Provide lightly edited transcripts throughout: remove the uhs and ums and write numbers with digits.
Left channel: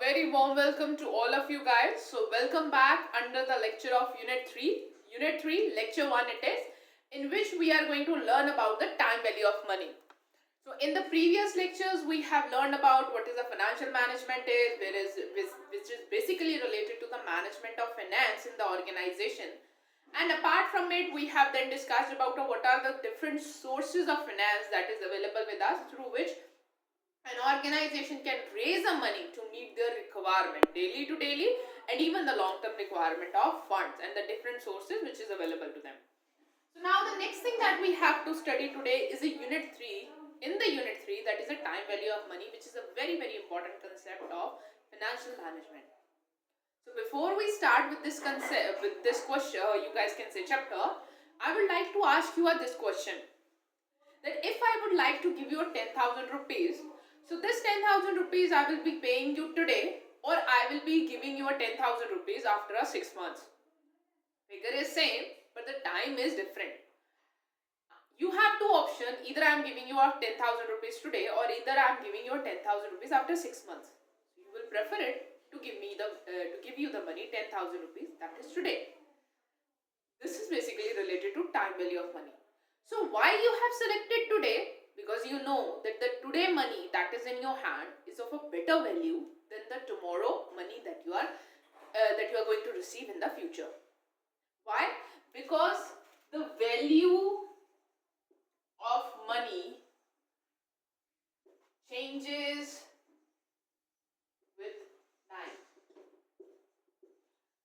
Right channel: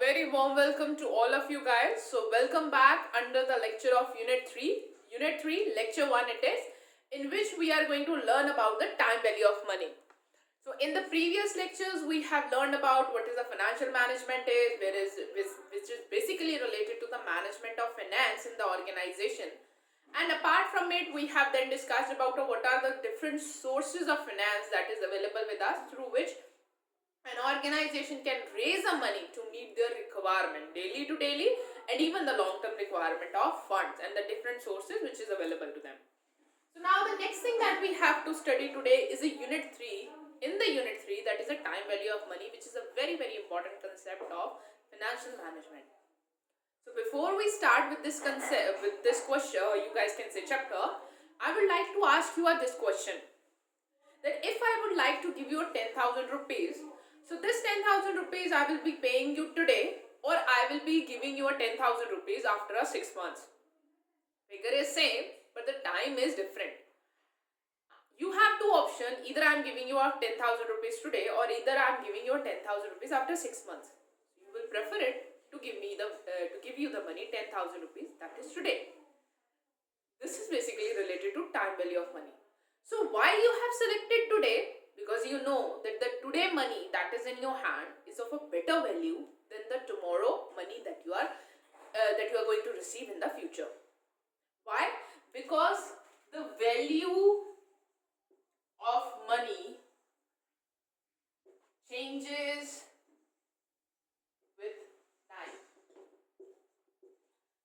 Very warm welcome to all of you guys. So welcome back under the lecture of Unit 3. Unit 3, Lecture 1 it is, in which we are going to learn about the time value of money. So in the previous lectures, we have learned about what is a financial management which is basically related to the management of finance in the organization. And apart from it, we have then discussed about what are the different sources of finance that is available with us through which an organization can raise a money to meet their requirement daily to daily and even the long term requirement of funds and the different sources which is available to them. So now the next thing that we have to study today is a unit 3. In the unit 3, that is a time value of money, which is a very important concept of financial management. So before we start with this concept, with this question, you guys can say chapter, I would like to ask you this question, that if I would like to give you 10,000 rupees, so this 10,000 rupees I will be paying you today, or I will be giving you 10,000 rupees after 6 months. Figure is same, but the time is different. You have two options, either I am giving you 10,000 rupees today, or either I am giving you 10,000 rupees after 6 months. You will prefer it to give you the money 10,000 rupees, that is today. This is basically related to time value of money. So why you have selected today? Because you know that the today money that is in your hand is of a better value than the tomorrow money that you are going to receive in the future. Why? Because the value of money changes with time.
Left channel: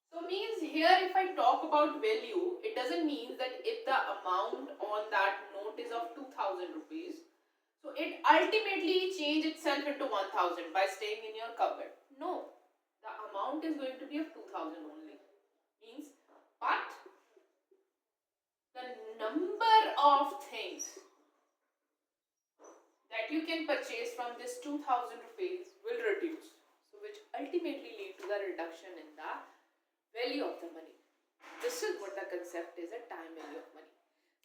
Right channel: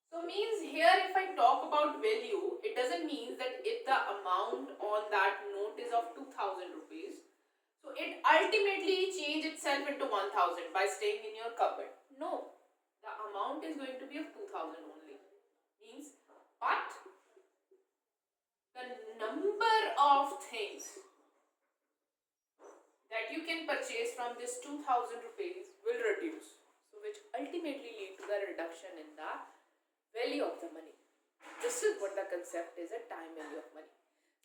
So means here if I talk about value, it doesn't mean that if the amount on that note is of 2,000 rupees, so it ultimately change itself into 1,000 by staying in your cupboard. No, the amount is going to be of 2,000 only. Means, but the number of things that you can purchase from this 2,000 rupees will reduce. So which ultimately lead to the reduction in the value of the money. This is what the concept is, a time value of money.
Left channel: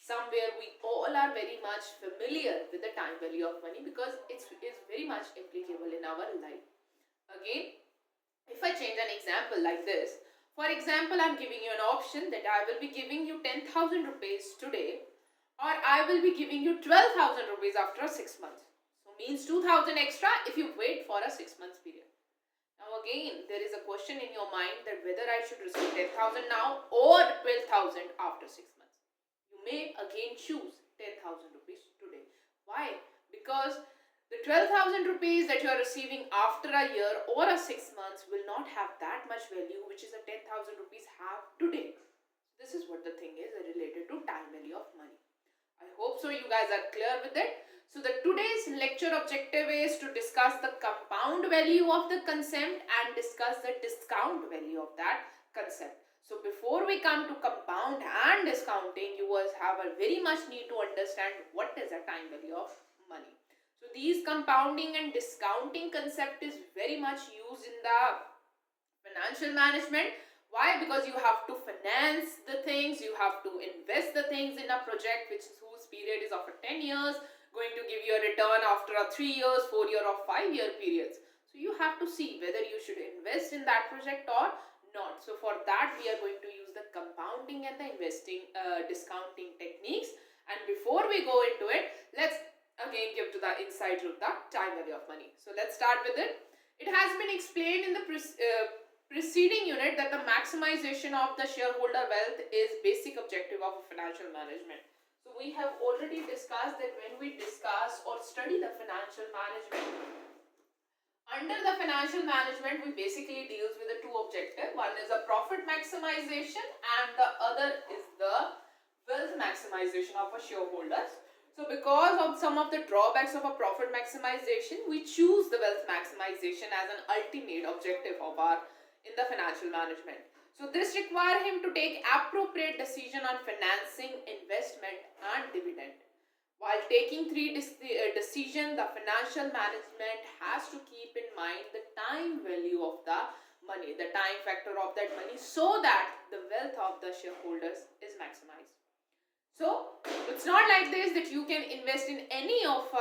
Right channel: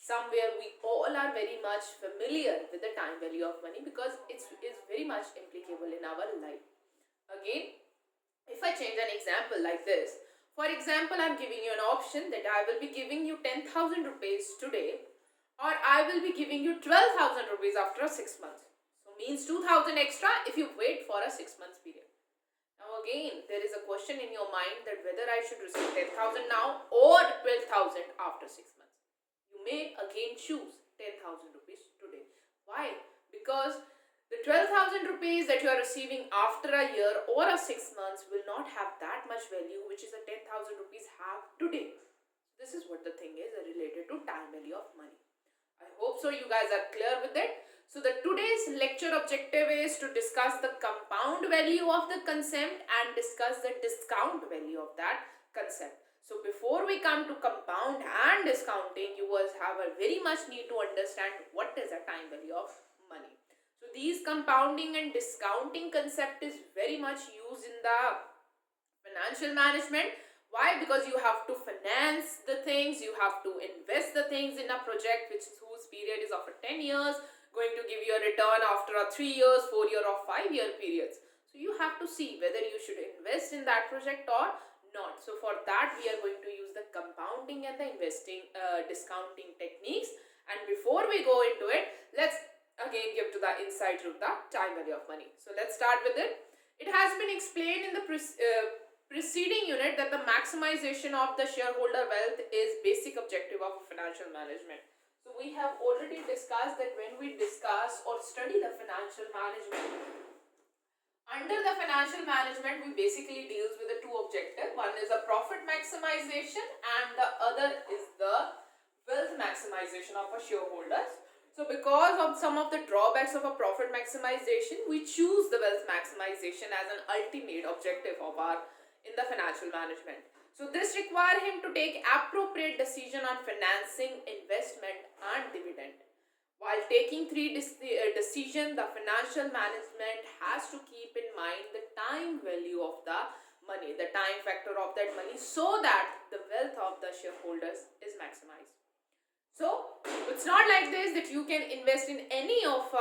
Somewhere we all are very much familiar with the time value of money because it is very much applicable in our life. Again, if I change an example like this, for example, I am giving you an option that I will be giving you 10,000 rupees today, or I will be giving you 12,000 rupees after 6 months. So means 2,000 extra if you wait for a 6 months period. Now again, there is a question in your mind that whether I should receive 10,000 now or 12,000 after 6 months. You may again choose 10,000 rupees today. Why? Because the 12,000 rupees that you are receiving after a year or a 6 months will not have that much value which is a 10,000 rupees have today. This is what the thing is related to time value of money. I hope so you guys are clear with it. So the today's lecture objective is to discuss the compound value of the concept and discuss the discount value of that concept. So before we come to compound and discounting, you guys have a very much need to understand what is a time value of money. So these compounding and discounting concept is very much used in the financial management. Why? Because you have to finance the things, you have to invest the things in a project whose period is of 10 years, going to give you a return after a 3 years, 4 year or 5 year periods. So you have to see whether you should invest in that project or not. So for that we are going to use the compounding and the discounting techniques. And before we go into it, let's again give to the insights of the time value of money. So let's start with it. It has been explained in the preceding unit that the maximization of the shareholder wealth is basic objective of financial management. So we have already discussed that when we discuss or study the financial management, under the financial management we basically deals with the two objectives. One is a profit maximization and the other is the wealth maximization of our shareholders. So because of some of the drawbacks of a profit maximization, we choose the wealth maximization as an ultimate objective of our in the financial management. So this requires him to take appropriate decision on financing, investment and dividend. While taking three decisions, the financial management has to keep in mind the time value of the money, the time factor of that money, so that the wealth of the shareholders is maximized. So it's not like this that you can invest in any of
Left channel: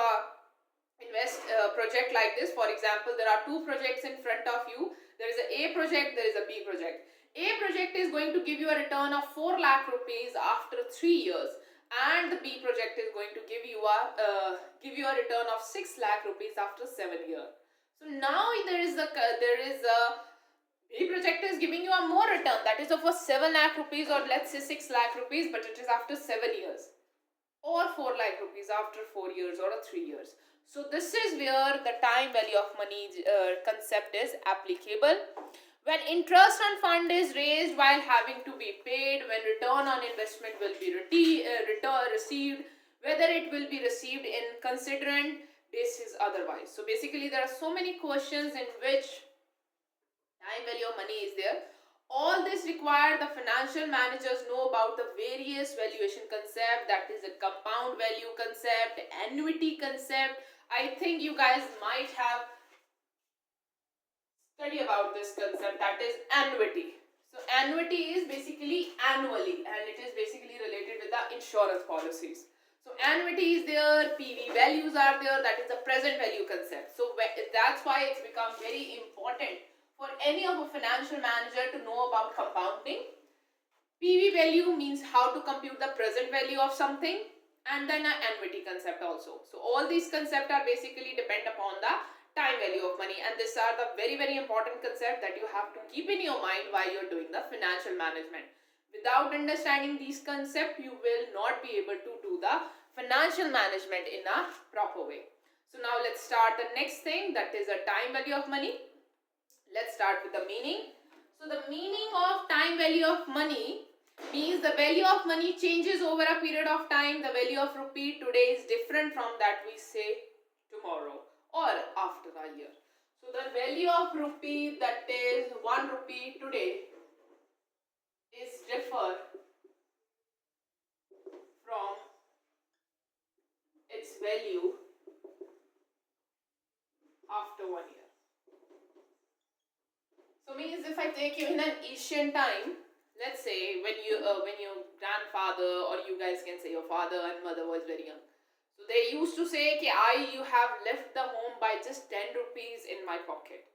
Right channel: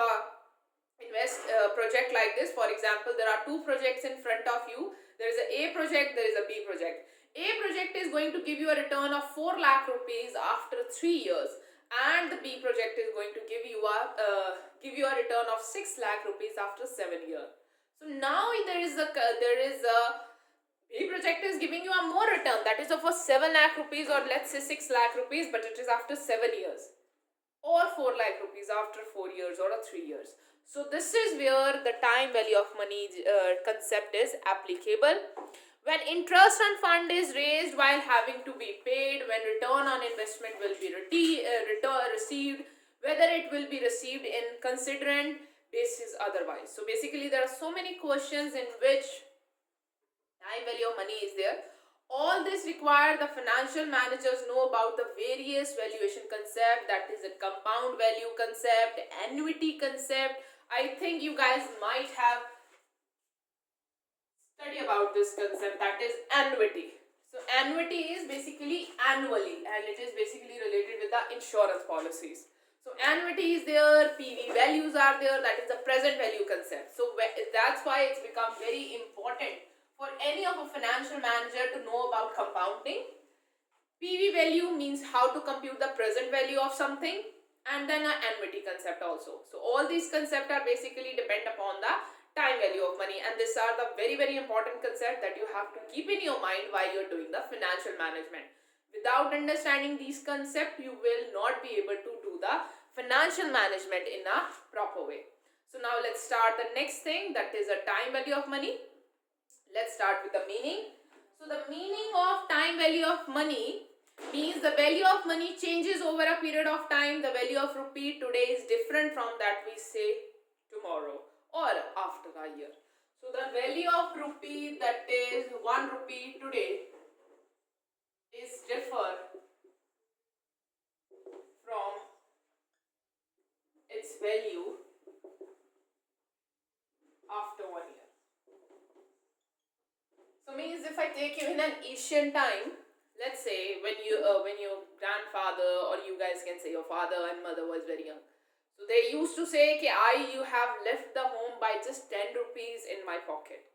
invest project like this. For example, there are two projects in front of you. There is a project, there is a B project. A project is going to give you a return of 4 lakh rupees after 3 years, and the B project is going to give you a return of 6 lakh rupees after 7 years. So now there is a B project is giving you a more return, that is of a 7 lakh rupees, or let's say 6 lakh rupees, but it is after 7 years, or 4 lakh rupees after 4 years or 3 years. So this is where the time value of money concept is applicable. When interest on fund is raised while having to be paid, when return on investment will be received, whether it will be received in considerant basis otherwise. So basically there are so many questions in which time value of money is there. All this require the financial managers know about the various valuation concept, that is a compound value concept, annuity concept. I think you guys might have studied about this concept, that is annuity. So annuity is basically annually, and it is basically related with the insurance policies. So annuity is there, PV values are there, that is the present value concept. So that's why it's become very important for any of a financial manager to know about compounding. PV value means how to compute the present value of something, and then an annuity concept also. So all these concepts are basically depend upon the time value of money, and these are the very very important concept that you have to keep in your mind while you're doing the financial management. Without understanding these concepts, you will not be able to do the financial management in a proper way. So now let's start the next thing, that is a time value of money. Let's start with the meaning. So the meaning of time value of money means the value of money changes over a period of time. The value of rupee today is different from that we say tomorrow or after a year. So the value of rupee, that is 1 rupee today, is differ from its value after 1 year. So means if I take you in an ancient time, let's say when your grandfather, or you guys can say your father and mother was very young, so they used to say कि you have left the home by just 10 rupees in my pocket.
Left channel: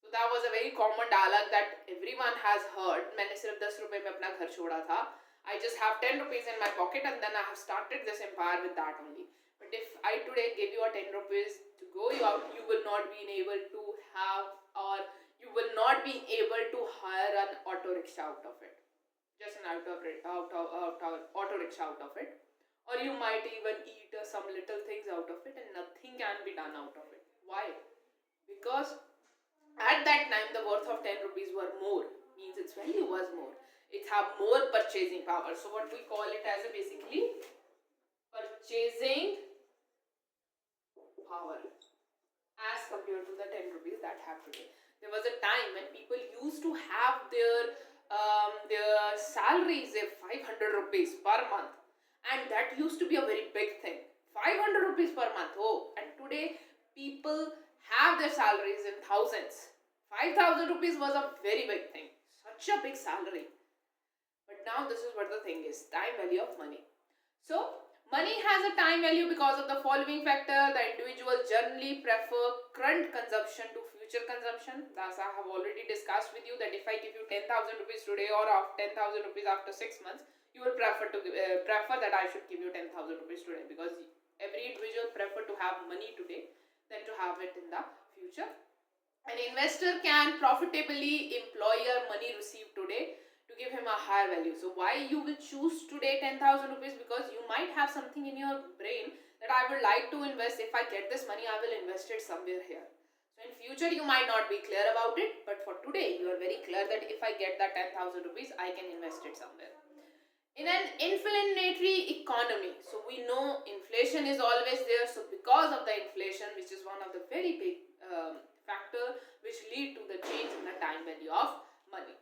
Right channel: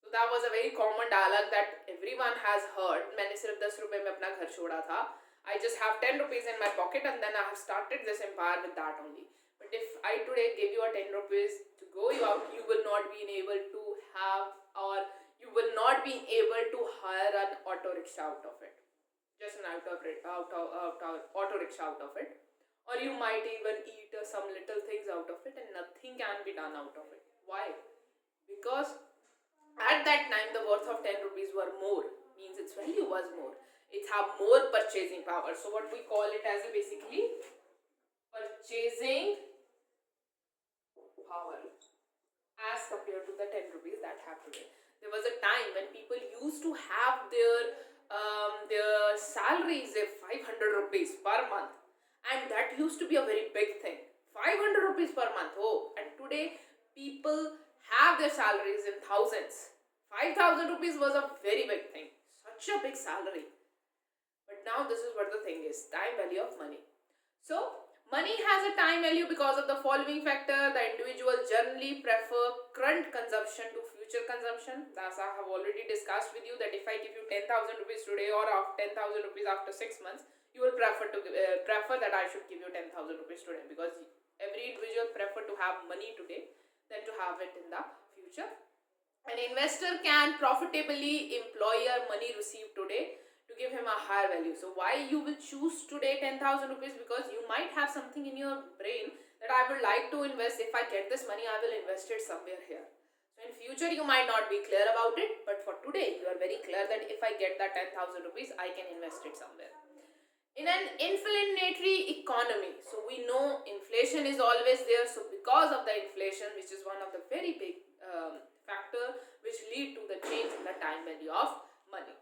So that was a very common dialogue that everyone has heard. मैंने सिर्फ 10 रुपए में अपना घर छोड़ा था. I just have 10 rupees in my pocket, and then I have started this empire with that only. But if I today give you a 10 rupees to go out, you will not be able to have, or you will not be able to hire an auto rickshaw out of it. Just an auto rickshaw out of it. Or you might even eat some little things out of it, and nothing can be done out of it. Why? Because at that time the worth of 10 rupees were more, means its value was more. It have more purchasing power. So what we call it as a basically purchasing power as compared to the 10 rupees that have today. There was a time when people used to have their salaries of 500 rupees per month, and that used to be a very big thing. 500 rupees per month. Oh, and today people have their salaries in thousands. 5,000 rupees was a very big thing. Such a big salary. But now this is what the thing is, time value of money. So money has a time value because of the following factor. The individual generally prefer current consumption to future consumption. As I have already discussed with you, that if I give you 10,000 rupees today, or 10,000 rupees after 6 months, you will prefer that I should give you 10,000 rupees today, because every individual prefer to have money today than to have it in the future. An investor can profitably employ your money received today to give him a higher value. So why you will choose today 10,000 rupees? Because you might have something in your brain that I would like to invest. If I get this money, I will invest it somewhere here. So in future you might not be clear about it, but for today you are very clear that if I get that 10,000 rupees, I can invest it somewhere. In an inflationary economy, so we know inflation is always there. So because of the inflation, which is one of the very big factor which lead to the change in the time value of money.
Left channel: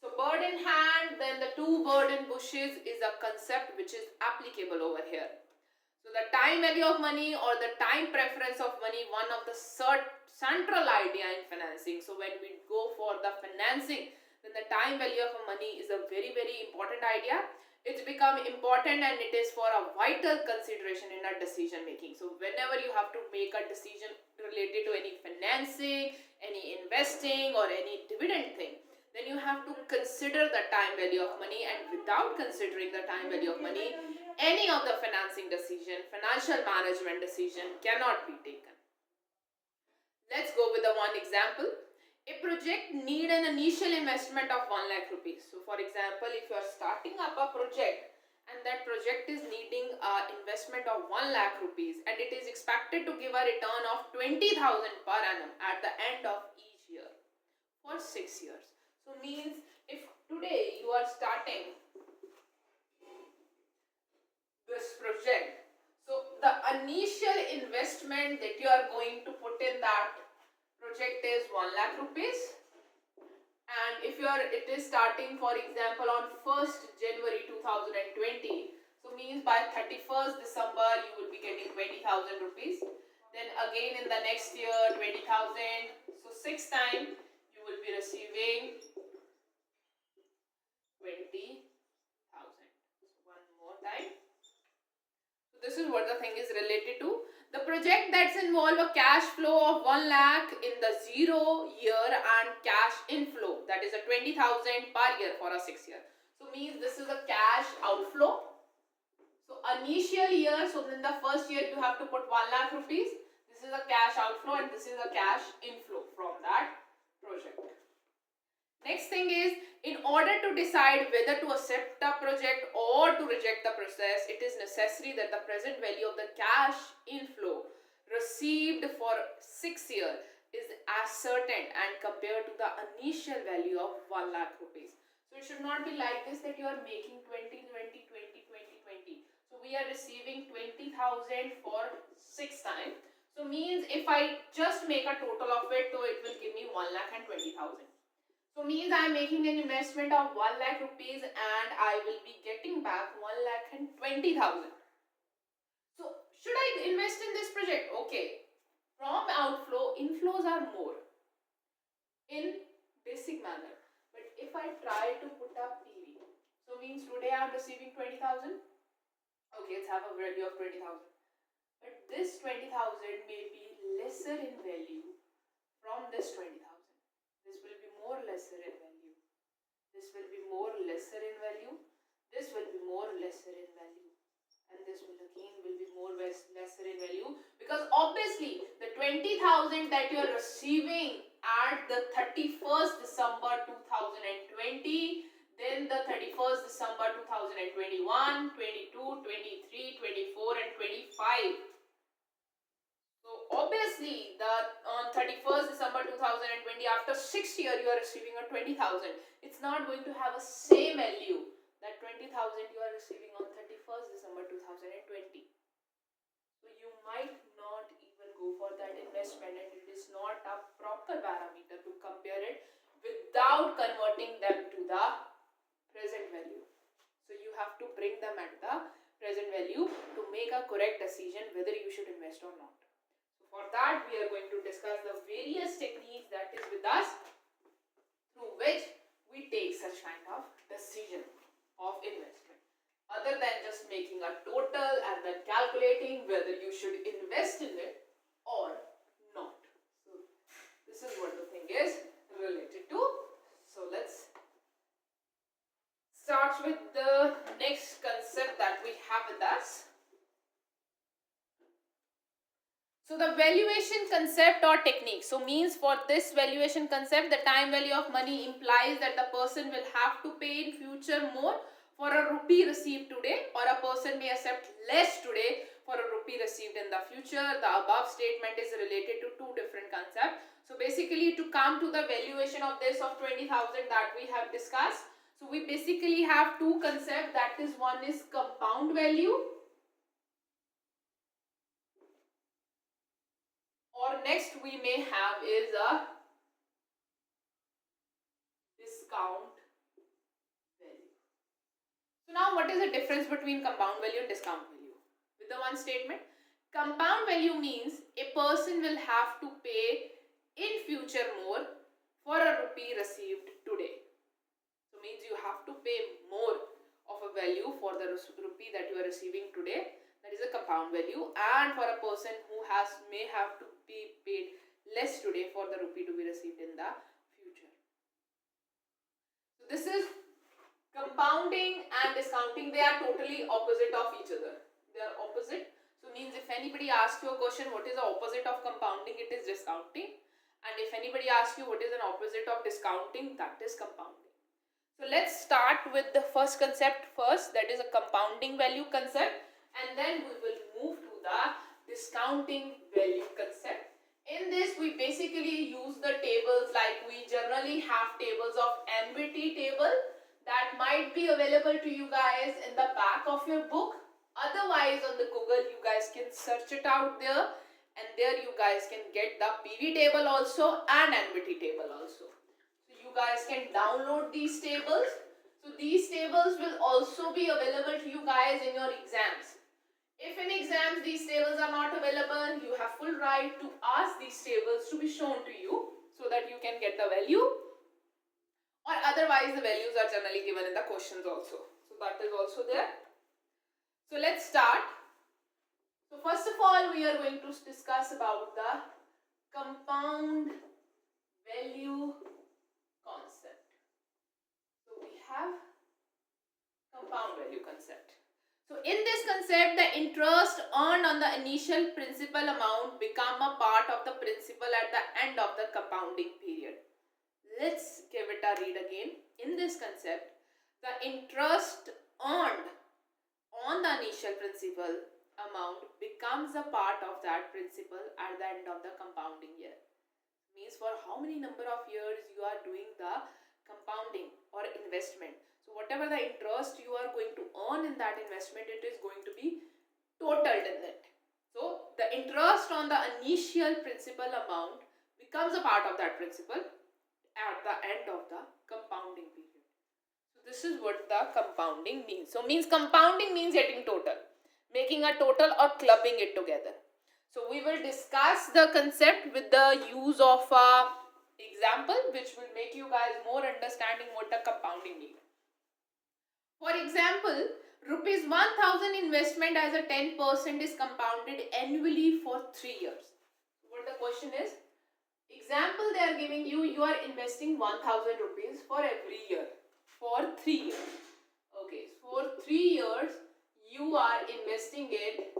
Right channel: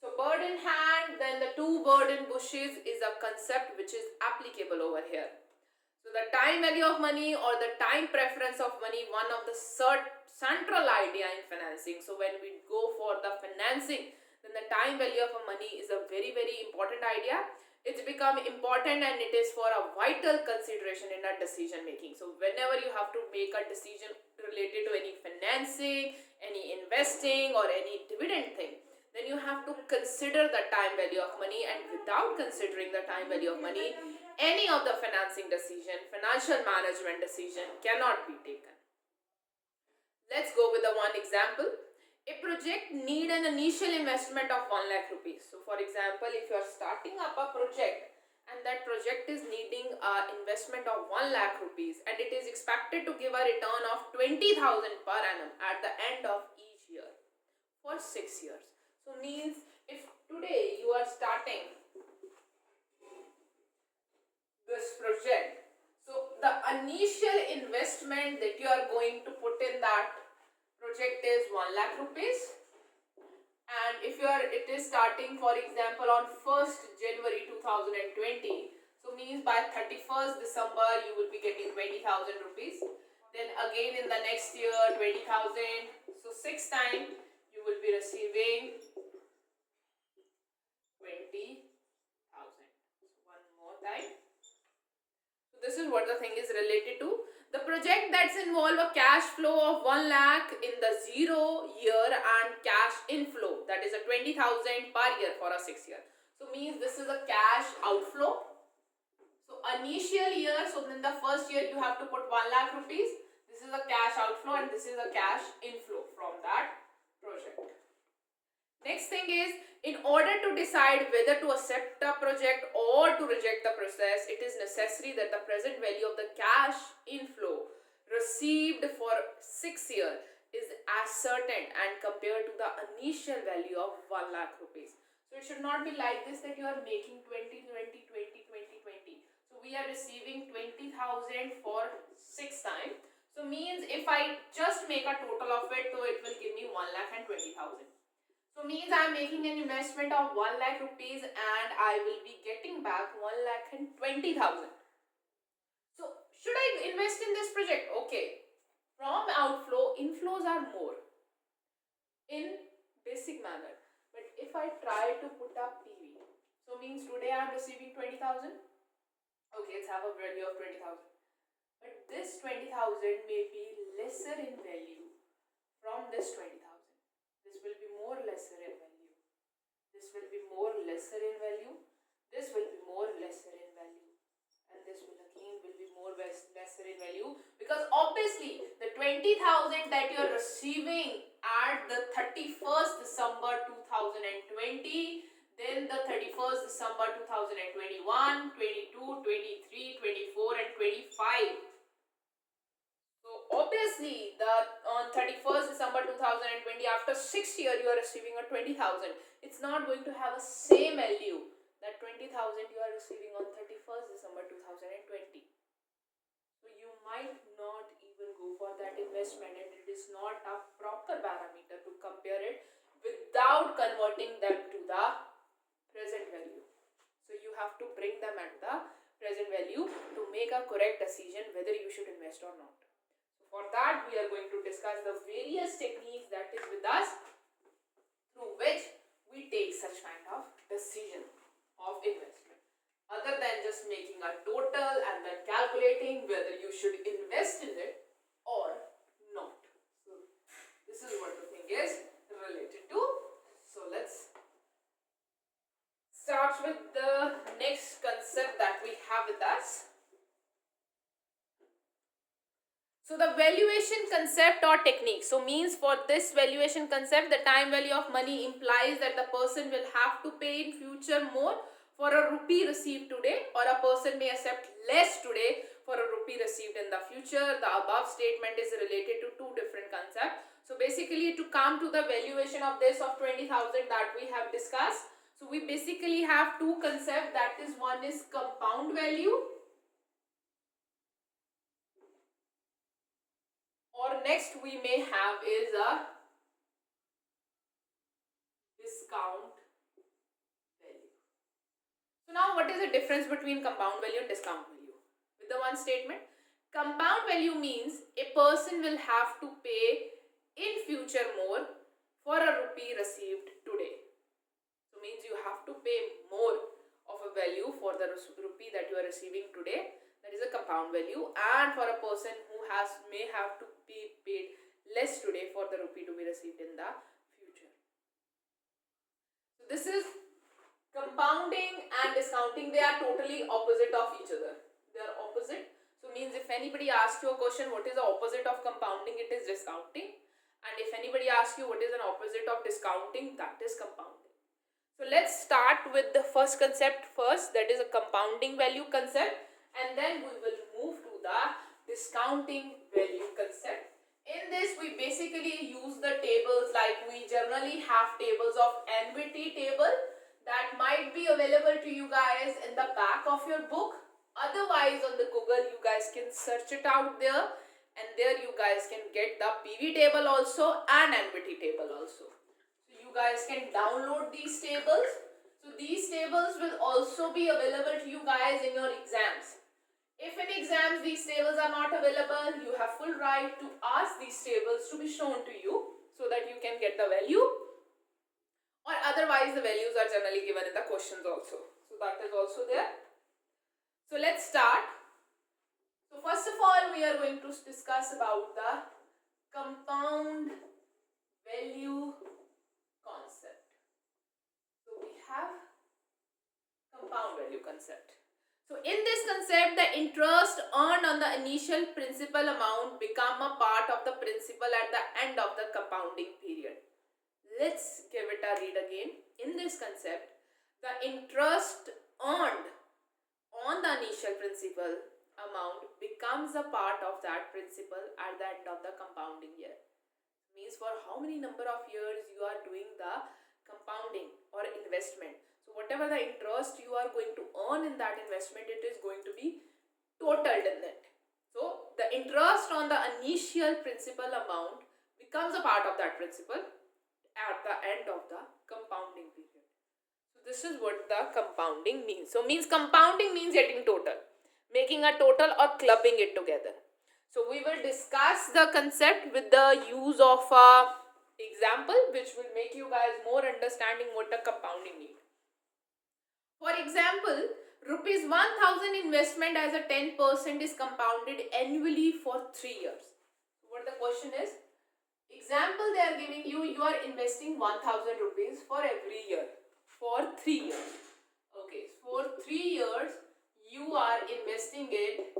So bird in hand, then the two bird in bushes is a concept which is applicable over here. So the time value of money, or the time preference of money, one of the central idea in financing. So when we go for the financing, then the time value of money is a very very important idea. it's become important and it is for a vital consideration in our decision making. So whenever you have to make a decision related to any financing, any investing or any dividend thing, then you have to consider the time value of money, and without considering the time value of money, any of the financing decision, financial management decision cannot be taken. Let's go with the one example. A project need an initial investment of 1 lakh rupees. So for example, if you are starting up a project and that project is needing an investment of 1 lakh rupees and it is expected to give a return of 20,000 per annum at the end of each year for 6 years. So means if today you are starting this project, so the initial investment that you are going to put in that project is 1 lakh rupees, and if it is starting for example on 1st January 2020, so means by 31st December you will be getting 20,000 rupees, then again in the next year 20,000, so 6 times you will be receiving 20,000. One more time. So this is what the thing is related to. The project that's involve a cash flow of 1 lakh in the 0 year and cash inflow, that is a 20,000 per year for a 6 year. So means this is a cash outflow. So initial year, so in the first year you have to put 1 lakh rupees. This is a cash outflow and this is a cash inflow from that project. Next thing is, in order to decide whether to accept the project or to reject the process, it is necessary that the present value of the cash inflow received for 6 years is ascertained and compared to the initial value of 1 lakh rupees. So it should not be like this that you are making 20, 20, 20, 20, 20. So we are receiving 20,000 for 6 times. So means if I just make a total of it, so it will give me 1 lakh and 20,000. So means I am making an investment of 1 lakh rupees and I will be getting back 1 lakh and 20,000. So should I invest in this project? Okay. From outflow, inflows are more in basic manner. But if I try to put up PV, so means today I am receiving 20,000. Okay, let's have a value of 20,000. But this 20,000 may be lesser in value from this 20,000. This will be more lesser in value. This will be more lesser in value. This will be more lesser in value. And this will again will be more lesser in value, because obviously the 20,000 that you are receiving at the 31st December 2020, then the 31st December 2021, 22, 23, 24 and 25. So obviously on 31st December 2020, after 6 years you are receiving a 20,000. It's not going to have a same value that 20,000 you are receiving on 31st December 2020. So you might not even go for that investment, and it is not a proper parameter to compare it without converting them to the present value. So you have to bring them at the present value to make a correct decision whether you should invest or not. For that, we are going to discuss the various techniques that is with us through which we take such kind of decision of investment, other than just making a total and then calculating whether you should invest in it or not. So this is what the thing is related to. So let's start with the next concept that we have with us. So the valuation concept or technique. So means for this valuation concept, the time value of money implies that the person will have to pay in future more for a rupee received today, or a person may accept less today for a rupee received in the future. The above statement is related to two different concepts. So basically, to come to the valuation of this of 20,000 that we have discussed, so we basically have two concepts. That is, one is compound value, or next we may have is a discount value. So now what is the difference between compound value and discount value? With the one statement, compound value means a person will have to pay in future more for a rupee received today. So means you have to pay more of a value for the rupee that you are receiving today, that is a compound value, and for a person who may have to be paid less today for the rupee to be received in the future. So this is compounding and discounting. They are totally opposite of each other. They are opposite. So means if anybody asks you a question, what is the opposite of compounding? It is discounting. And if anybody asks you what is an opposite of discounting, that is compounding. So let's start with the first concept first, that is a compounding value concept, and then we will move to the discounting value concept. In this, we basically use the tables, like we generally have tables of NBT table that might be available to you guys in the back of your book. Otherwise, on the Google, you guys can search it out there, and there you guys can get the PV table also and NBT table also. So you guys can download these tables. So these tables will also be available to you guys in your exams. If in exams these tables are not available, you have full right to ask these tables to be shown to you so that you can get the value, or otherwise the values are generally given in the questions also. So that is also there. So let's start. So first of all, we are going to discuss about the compound value concept. So we have compound value concept. So in this concept, the interest earned on the initial principal amount become a part of the principal at the end of the compounding period. Let's give it a read again. In this concept, the interest earned on the initial principal amount becomes a part of that principal at the end of the compounding year. Means for how many number of years you are doing the compounding or investment. So whatever the interest you are going to earn in that investment, it is going to be totaled in it. So the interest on the initial principal amount becomes a part of that principal at the end of the compounding period. This is what the compounding means. So means compounding means getting total, making a total or clubbing it together. So we will discuss the concept with the use of a example which will make you guys more understanding what the compounding means. For example, rupees 1000 investment as a 10% is compounded annually for 3 years. What the question is? Example they are giving you, you are investing 1000 rupees for every year. For 3 years. Okay, for 3 years you are investing it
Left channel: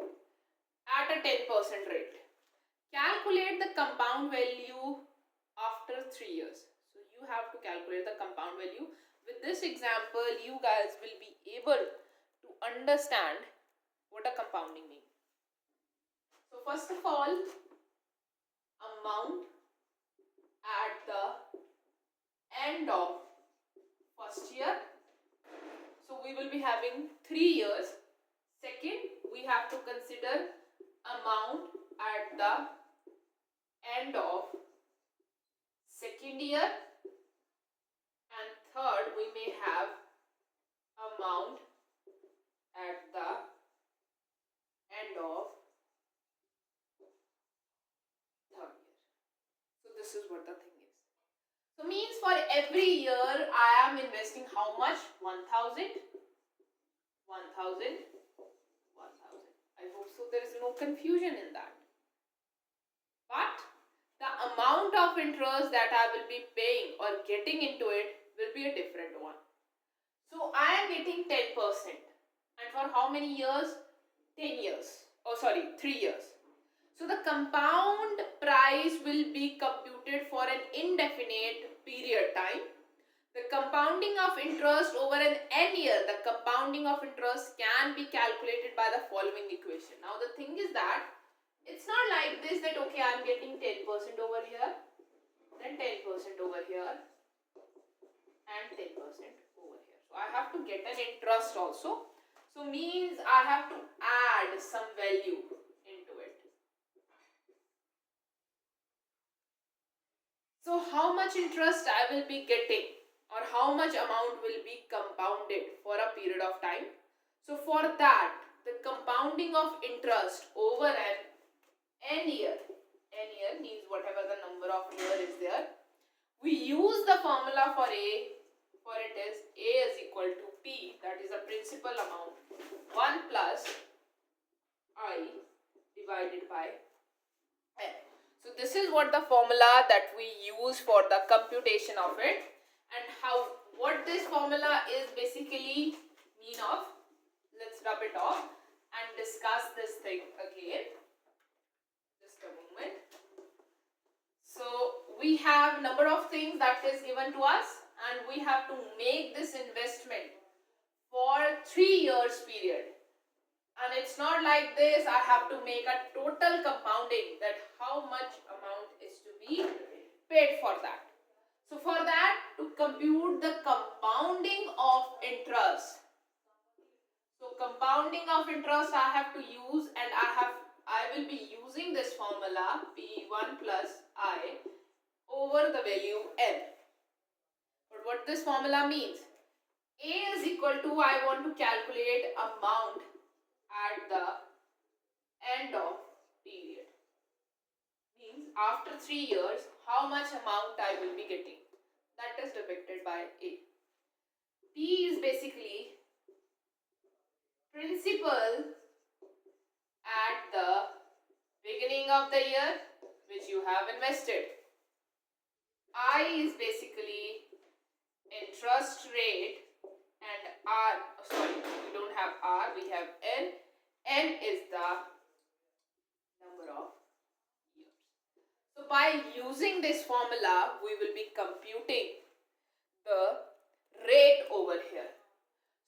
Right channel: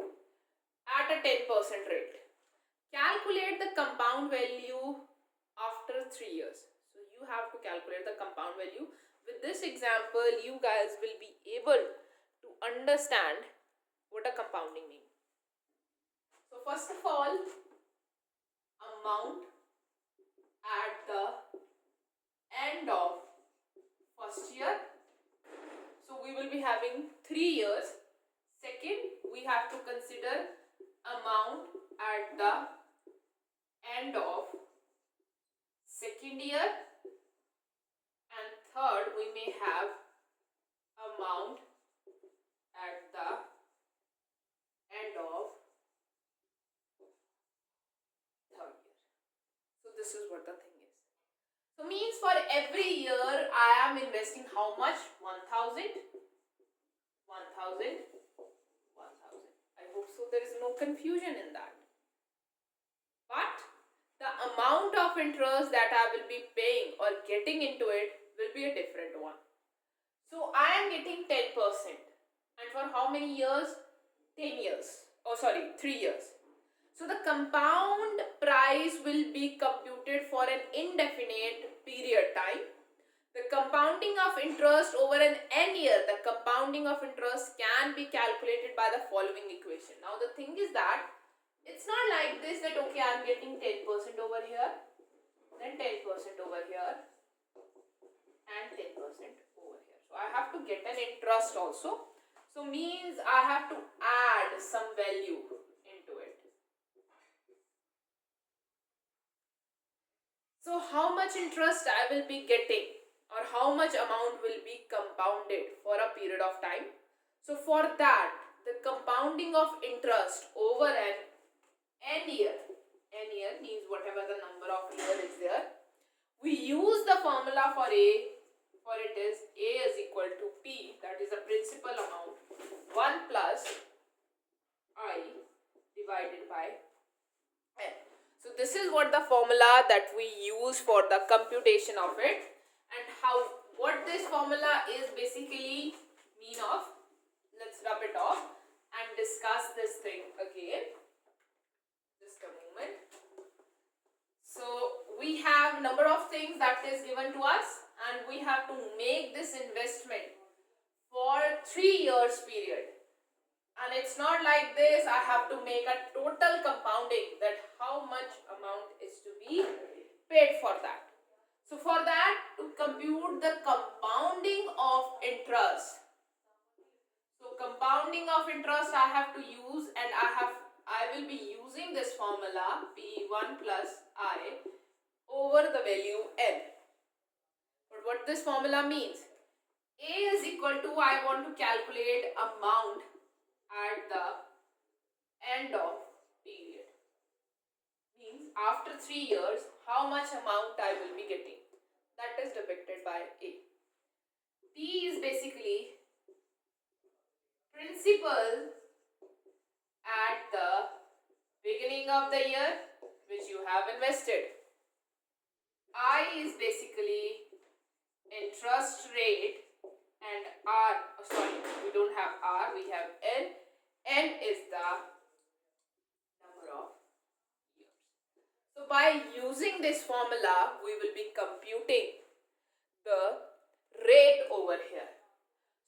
at a 10% rate. Calculate the compound value after 3 years. So you have to calculate the compound value. With this example, you guys will be able to understand what a compounding means. So first of all, amount at the end of first year. So we will be having 3 years. Second, we have to consider amount at the end of second year. And third, we may have amount at the end of third year. So this is what the thing is. So means for every year I am investing how much? 1000, 1000, 1000. I hope so there is no confusion in that. But the amount of interest that I will be paying or getting into it will be a different one. So I am getting 10%. And for how many years? 10 years. Oh sorry, 3 years. So the compound price will be computed for an indefinite period time. The compounding of interest over an n year, the compounding of interest can be calculated by the following equation. Now the thing is that it's not like this that okay I am getting 10% over here, then 10% over here and 10% over here. So I have to get an interest also. So means I have to add some value into it. So how much interest I will be getting or how much amount will be compounded for a period of time. So for that, the compounding of interest over an n year means whatever the number of year is there. We use the formula for a for it is A is equal to P, that is a principal amount, 1 plus I divided by N. So this is what the formula that we use for the computation of it, and what this formula is basically mean of. Let's rub it off and discuss this thing again. Just a moment. So we have number of things that is given to us, and we have to make this investment for 3 years period. And it's not like this, I have to make a total compounding, that how much amount is to be paid for that. So for that, to compute the compounding of interest, so compounding of interest I have to use, and I will be using this formula P1 plus I over the value N. But what this formula means, A is equal to, I want to calculate amount at the end of period. Means after 3 years, how much amount I will be getting. That is depicted by A. P is basically principal at the beginning of the year which you have invested. I is basically interest rate, and R, sorry, we don't have R, we have N. N is the number of years. So by using this formula, we will be computing the rate over here.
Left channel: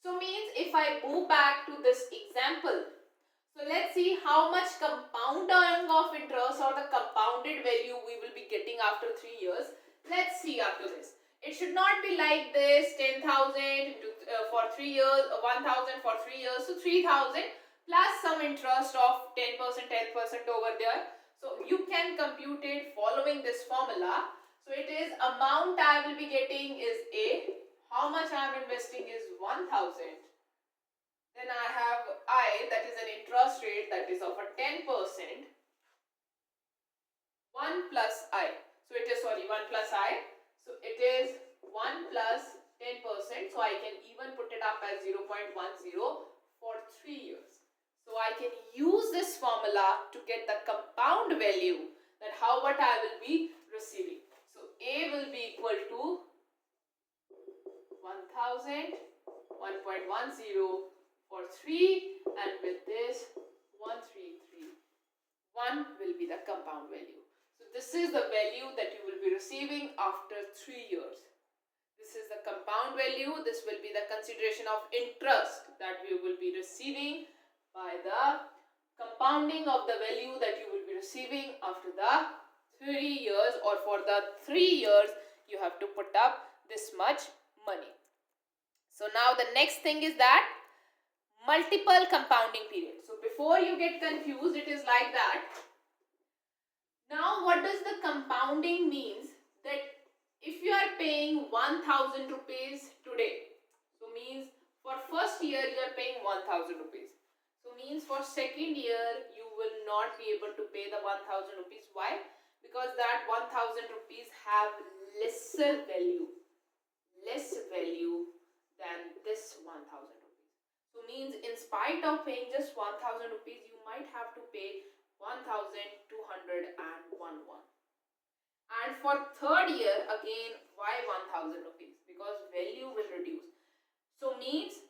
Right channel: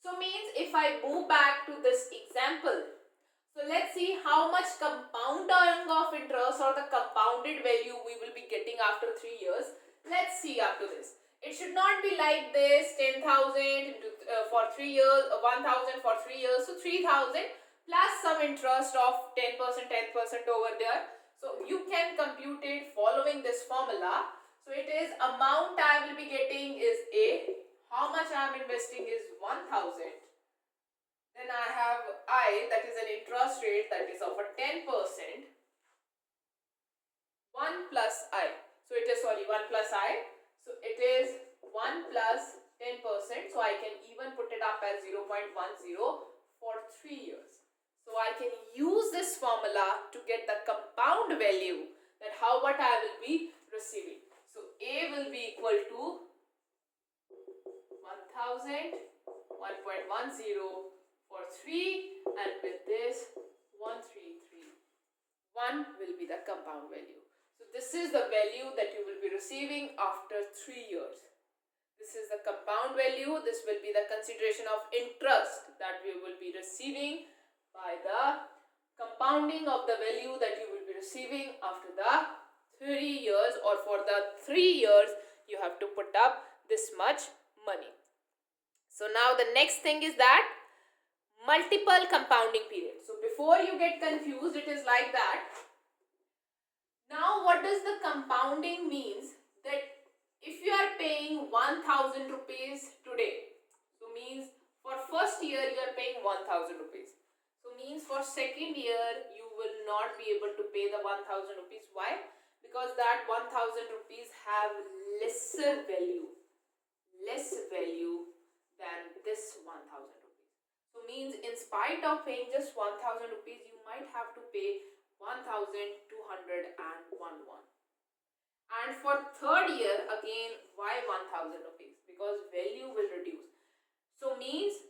So means if I move back to this example, so let's see how much compounding of interest or the compounded value we will be getting after 3 years. Let's see up to this. It should not be like this, 10,000 for 3 years, 1,000 for 3 years, so 3,000 plus some interest of 10%, 10% over there. So you can compute it following this formula. So it is amount I will be getting is A. How much I am investing is 1,000. Then I have I, that is an interest rate that is of a 10%. 1 plus I. So it is 1 plus I. So it is 1 plus 10%. So I can even put it up as 0.10 for 3 years. So I can use this formula to get the compound value, that how what I will be receiving. So A will be equal to 1,000, 1.10 for 3, and with this 1,331 will be the compound value. So this is the value that you will be receiving after 3 years. This is the compound value. This will be the consideration of interest that you will be receiving by the compounding of the value that you will be receiving after the 3 years, or for the 3 years you have to put up this much money. So now the next thing is that multiple compounding period. So before you get confused, it is like that. Now what does the compounding means? That if you are paying 1,000 rupees today, so means for first year you are paying 1,000 rupees. So means for second year you will not be able to pay the 1,000 rupees. Why? Because that 1,000 rupees have lesser value than this 1,000 rupees. So means in spite of paying just 1,000 rupees, you might have to pay 1,201. And for third year again, why 1,000 rupees? Because value will reduce. So means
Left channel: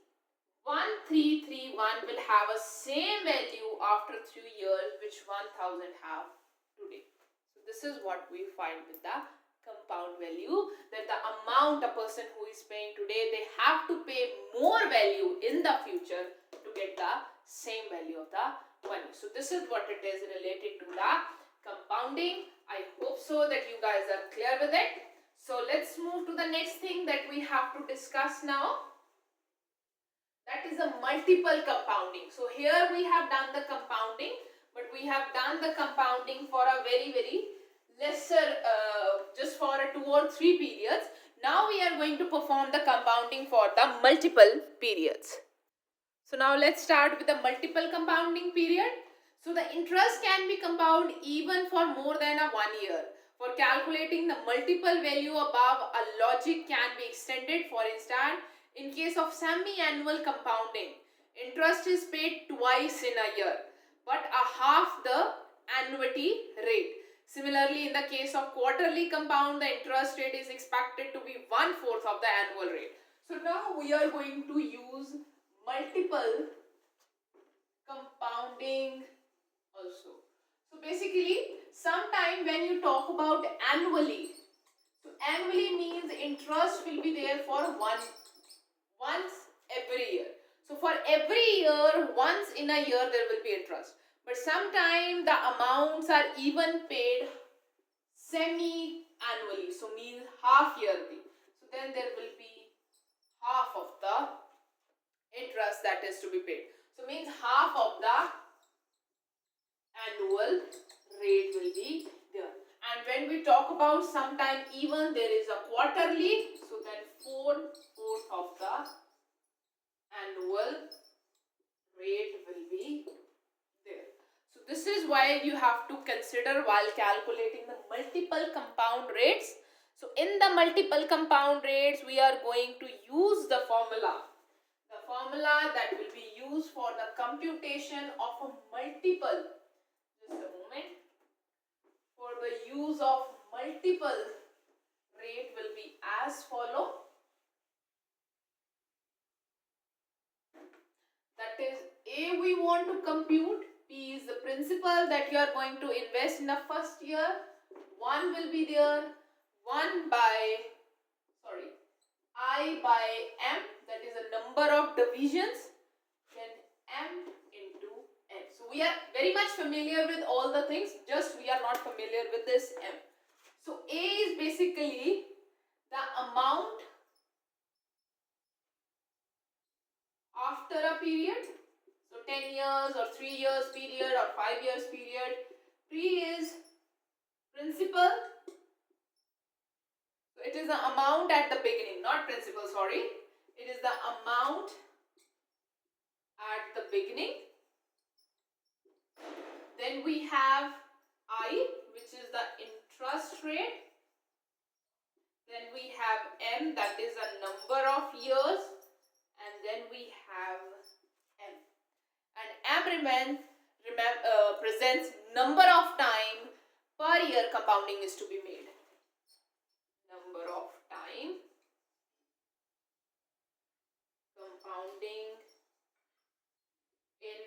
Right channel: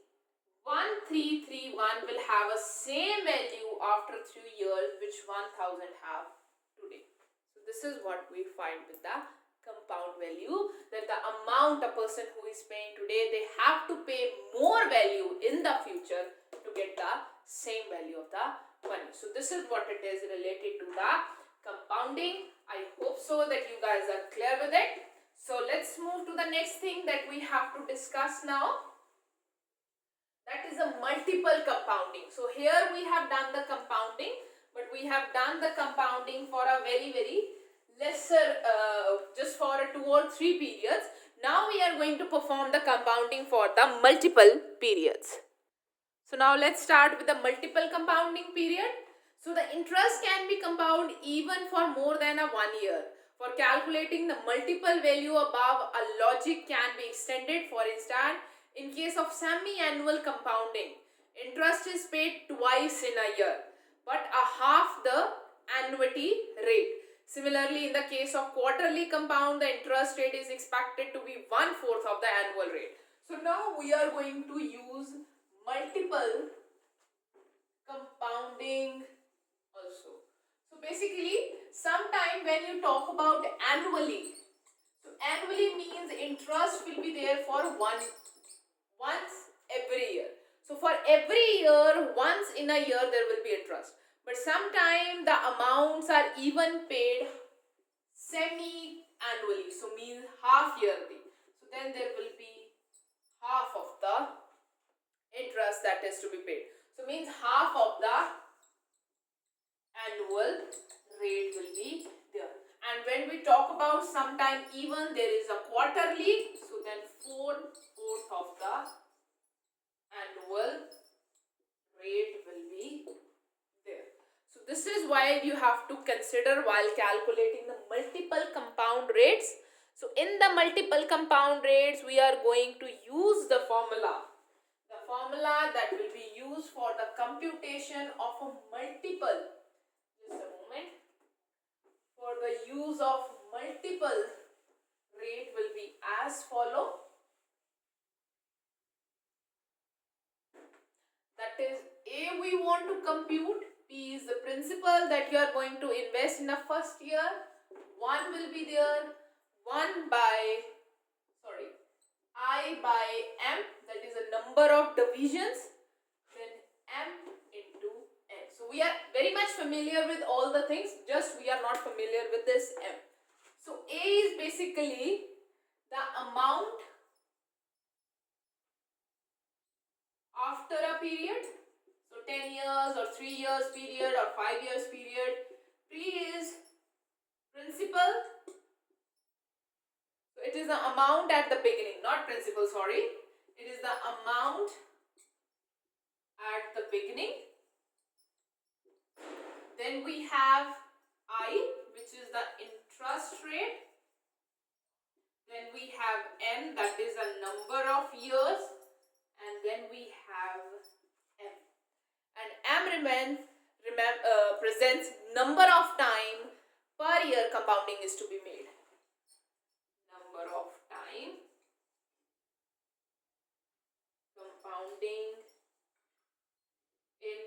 1,331 will have a same value after 3 years which 1,000 have today. So this is what we find with the compound value, that the amount a person who is paying today, they have to pay more value in the future to get the same value of the money. So this is what it is related to the compounding. I hope so that you guys are clear with it. So let's move to the next thing that we have to discuss now. That is a multiple compounding. So here we have done the compounding, but we have done the compounding for a very lesser, just for 2 or 3 periods. Now we are going to perform the compounding for the multiple periods. So now let's start with the multiple compounding period. So the interest can be compounded even for more than a 1 year. For calculating the multiple value above, a logic can be extended. For instance, in case of semi-annual compounding, interest is paid twice in a year, but a half the annuity rate. Similarly, in the case of quarterly compound, the interest rate is expected to be 1/4 of the annual rate. So now we are going to use multiple compounding also. So basically, sometime when you talk about annually, so annually means interest will be there for once every year. So for every year, once in a year there will be interest. But sometime the amounts are even paid semi-annually, so means half yearly. So then there will be half of the interest that is to be paid. So means half of the annual rate will be there. And when we talk about sometime even there is a quarterly, so then 4/4 of the annual rate will be there. So this is why you have to consider while calculating the multiple compound rates. So in the multiple compound rates, we are going to use the formula that will be used for the computation of a multiple. Just a moment. For the use of multiple rate will be as follow. That is, A we want to compute, P is the principal that you are going to invest in the first year, 1 will be there, I by M, that is a number of divisions, then M into N. So we are very much familiar with all the things, just we are not familiar with this M. So A is basically the amount after a period, so 10 years or 3 years period or 5 years period. P is principal, so it is the amount at the beginning, not principal, sorry, it is the amount at the beginning. Then we have I, which is the interest rate. Then we have N, that is a number of years, and then we have M. And M presents number of time per year compounding is to be made. Number of time compounding in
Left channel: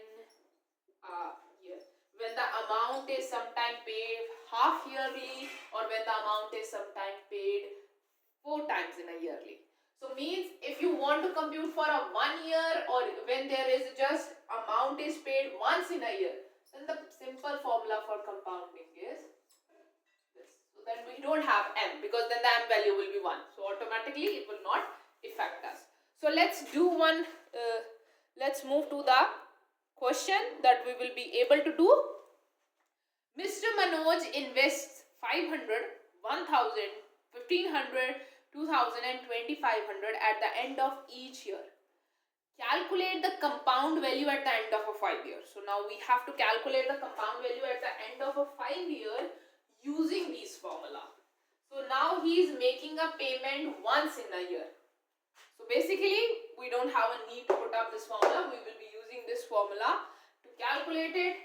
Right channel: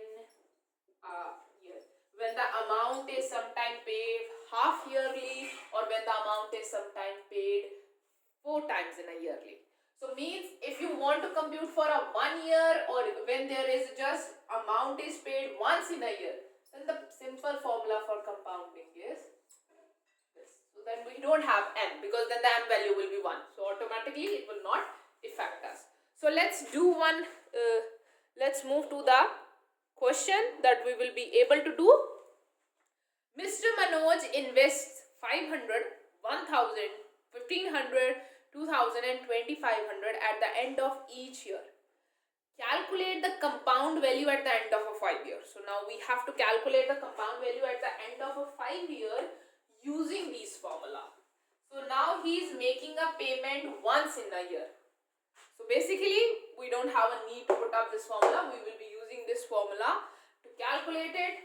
a year. When the amount is sometime paid half yearly, or when the amount is sometime paid 4 times in a yearly. So means if you want to compute for a 1 year, or when there is just amount is paid once in a year, then the simple formula for compounding is this. So then we don't have M, because then the M value will be 1. So automatically it will not affect us. So let's do one, let's move to the question that we will be able to do. Mr. Manoj invests 500, 1000, 1500, 2000 and 2500 at the end of each year. Calculate the compound value at the end of a 5 year. So now we have to calculate the compound value at the end of a 5 year using this formula. So now he is making a payment once in a year. So basically we don't have a need to put up this formula. We will be using this formula to calculate it,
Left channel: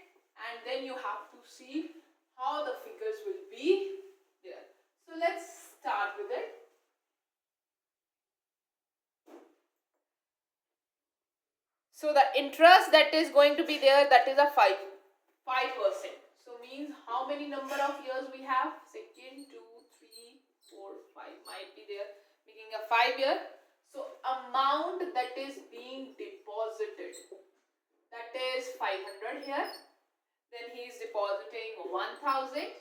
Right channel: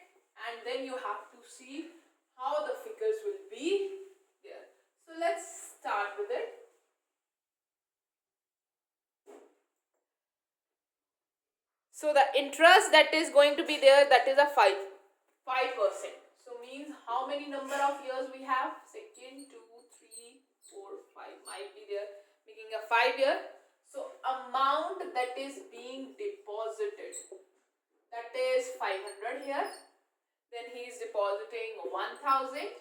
and then you have to see how the figures will be there. So let's start with it. So the interest that is going to be there, that is a 5%. So means how many number of years we have? Second, 2, 3, 4, 5 might be there, making a 5 year. So amount that is being deposited, that is 500 here. Then he is depositing 1000.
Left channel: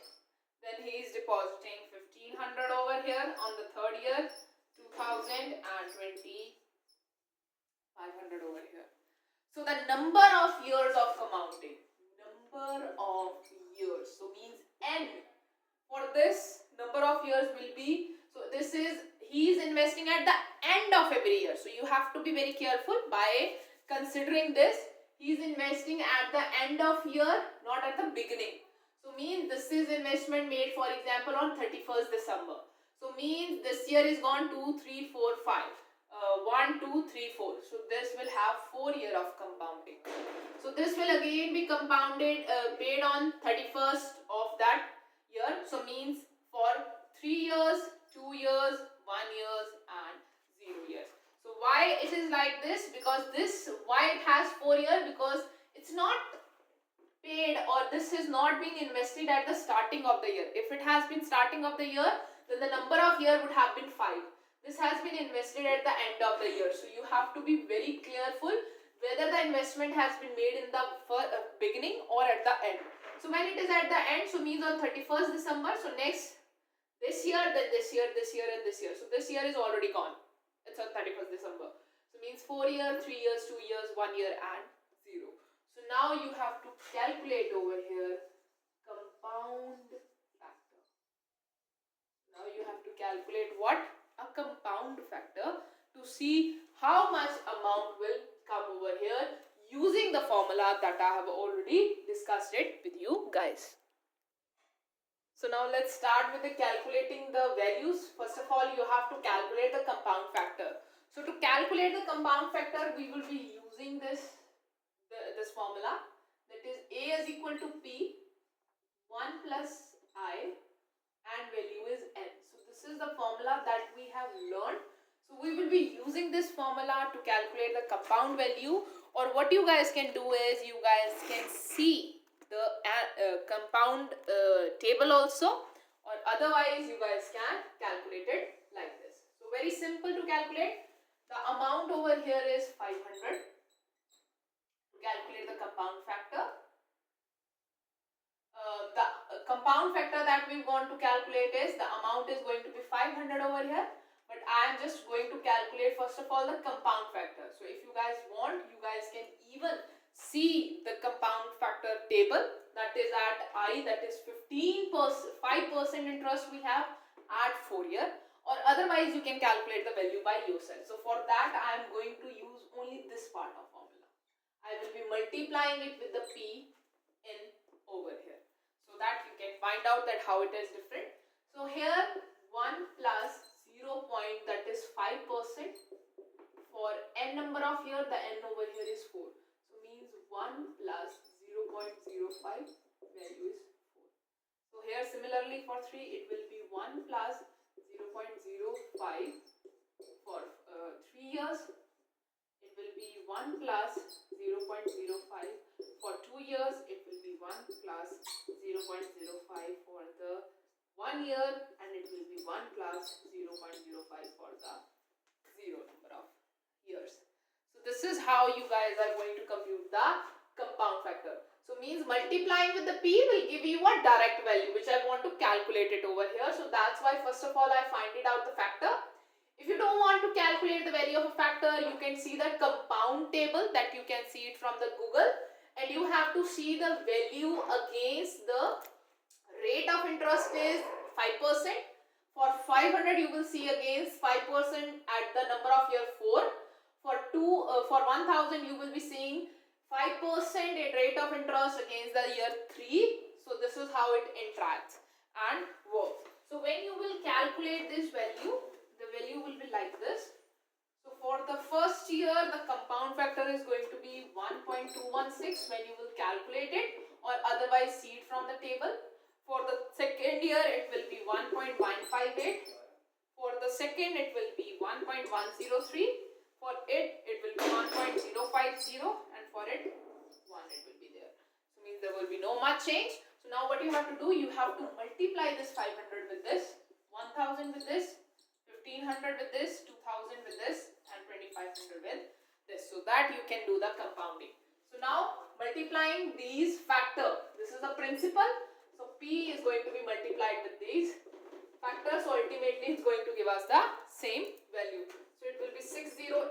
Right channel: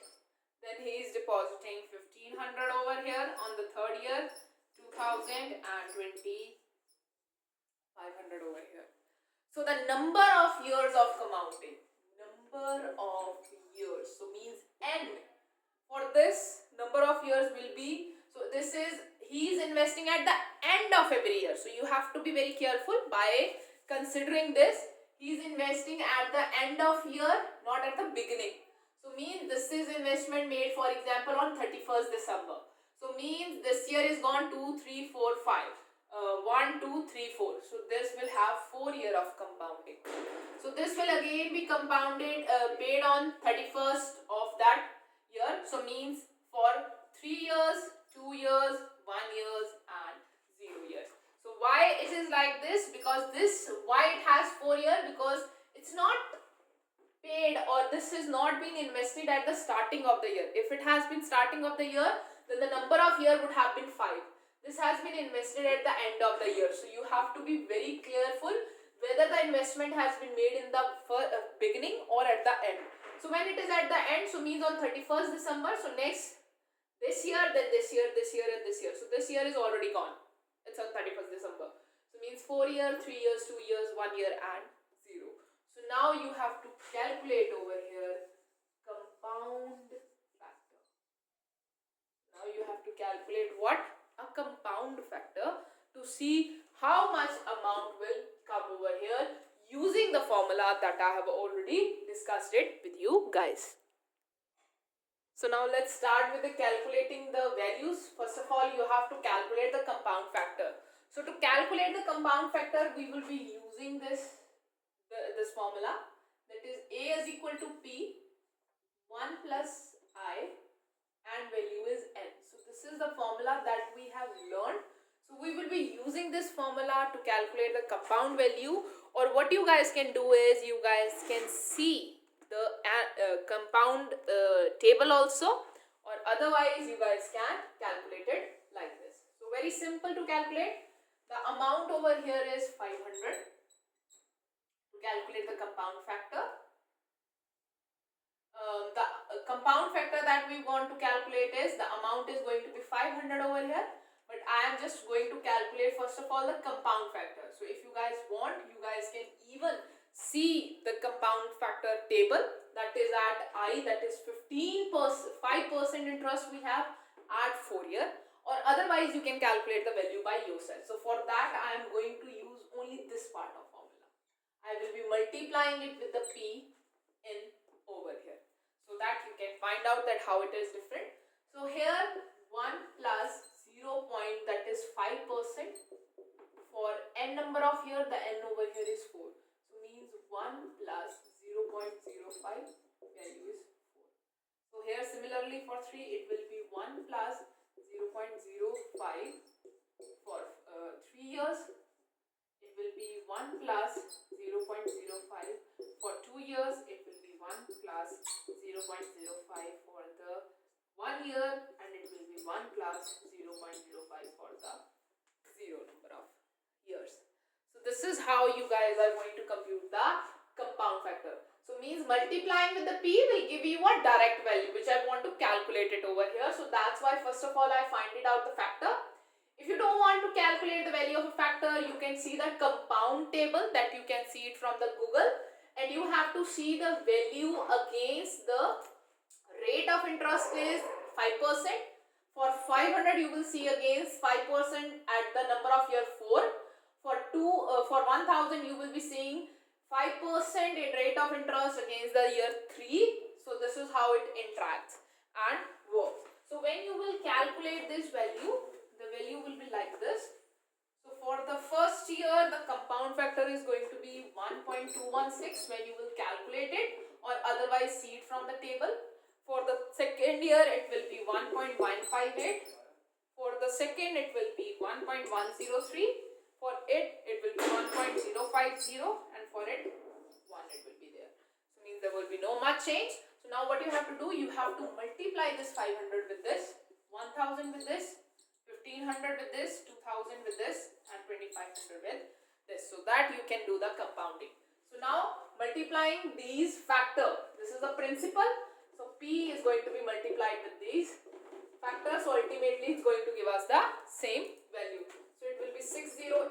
Then he is depositing 1500 over here on the third year, 2000 and 500 over here. So the number of years of compounding, number of years, so means N. For this, number of years will be, so this is, he is investing at the end of every year. So you have to be very careful by considering this. He is investing at the end of year, not at the beginning. So means this is investment made, for example, on 31st December. So means this year is gone 2, 3, 4, 5. 1, 2, 3, 4. So this will have 4 year of compounding. So this will again be compounded, paid on 31st of that year. So means for 3 years, 2 years, 1 years and 0 years. So why it is like this? Because this, why it has 4 years? Because it's not paid, or this has not been invested at the starting of the year. If it has been starting of the year, then the number of year would have been 5. This has been invested at the end of the year. So you have to be very careful whether the investment has been made in the beginning or at the end. So when it is at the end, so means on 31st December, so next this year, then this year, this year and this year. So this year is already gone. It's on 31st December. So means 4 years, 3 years, 2 years, 1 year and 0. So now you have to calculate over here compound factor. Now you have to calculate what? A compound factor, to see how much amount will come over here using the formula that I have already discussed it with you guys. So now let's start with the calculating the values. First of all, you have to calculate the compound factor. So to calculate the compound factor, we will be using this formula, that is A is equal to P 1 plus I and value is N. So this is the formula that we have learned. So we will be using this formula to calculate the compound value, or what you guys can do is you guys can see the compound table also, or otherwise you guys can calculate it like this. So very simple to calculate. The amount over here is 500. Calculate the compound factor. The compound factor that we want to calculate is, the amount is going to be 500 over here, but I am just going to calculate first of all the compound factor. So if you guys want, you guys can even see the compound factor table, that is at I, that is 5% interest we have at 4 year, or otherwise you can calculate the value by yourself. So for that I am going to use only this part of formula. I will be multiplying it with the P in over here, so that you can find out that how it is different. So here 1 plus 0 point, that is 5%. For n number of here, the n over here is 4. So means 1 plus 0.05 value is 4. So here similarly for 3 it will be 1 plus 0.05 for 3 years. It will be 1 plus 0.05 for 2 years. It will be 1 plus 0.05 for the 1 year, and it will be 1 plus 0.05 for the 0 number of years. So this is how you guys are going to compute the compound factor. So means multiplying with the P will give you a direct value, which I want to calculate it over here. So that's why first of all I find it out the factor. If you don't want to calculate the value of a factor, you can see the compound table, that you can see it from the Google, and you have to see the value against the rate of interest is 5%. For 500 you will see against 5% at the number of year 4. For 1000 you will be seeing 5% rate of interest against the year 3. So this is how it interacts and works. So when you will calculate this value, the value will be like this. So for the first year, the compound factor is going to be 1.216 when you will calculate it, or otherwise see it from the table. For the second year, it will be 1.158. For the second, it will be 1.103. For it will be 1.050, and for it, 1 it will be there. So means there will be no much change. So now what you have to do, you have to multiply this 500 with this, 1000 with this, 1500 with this, 2000 with this, and 2500 with this, so that you can do the compounding. So now multiplying these factor, this is the principal. So P is going to be multiplied with these factors. So ultimately it's going to give us the same value. So it will be 608.00.